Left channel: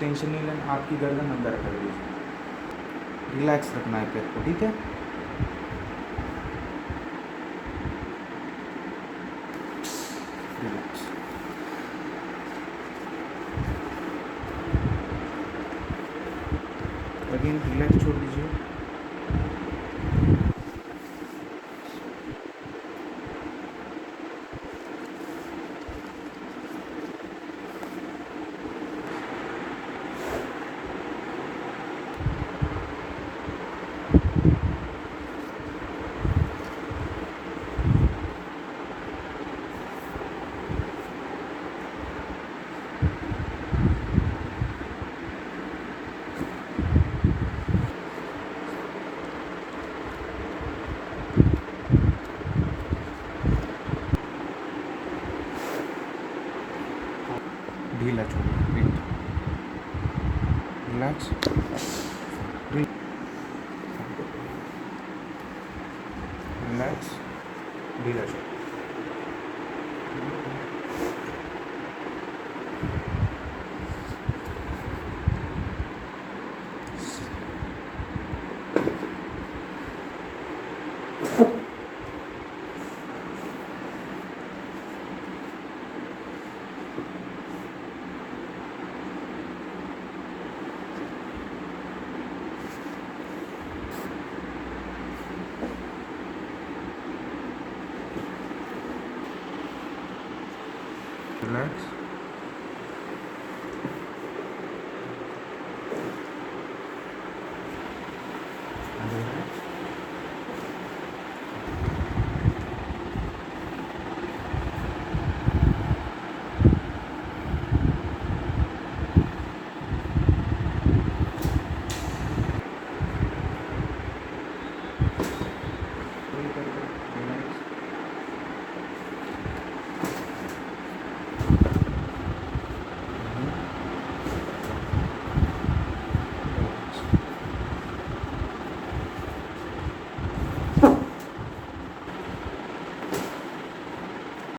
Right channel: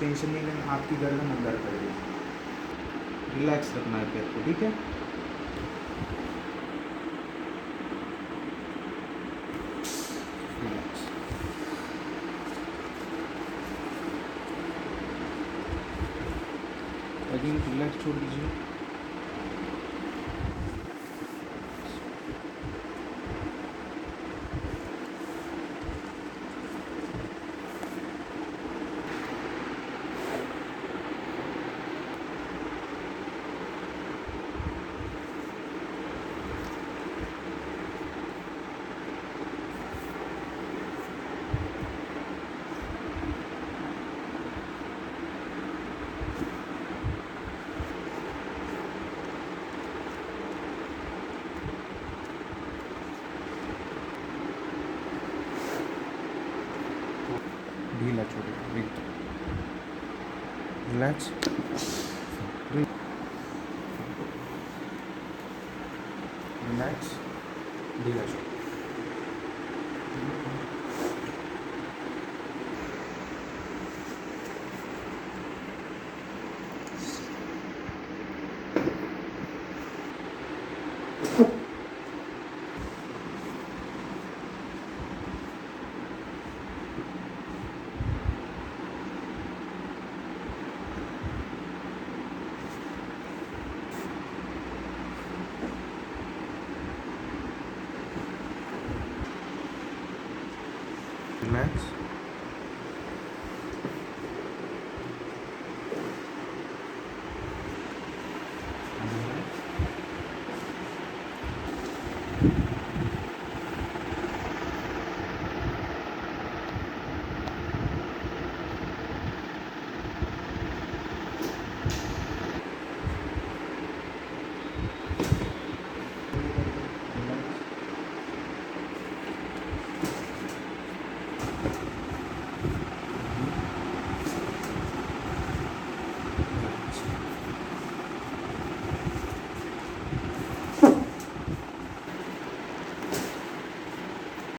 टेंशन नहीं लेना, आपकी गर्दन अंदर कर दीजिए, रिलैक्स रखना है पैर को, ठीक है। रिलैक्स। अगेन रिलैक्स छोड़ दीजिए। ढीला छोड़िए, रिलैक्स, रिलैक्स, ढीला छोड़िए।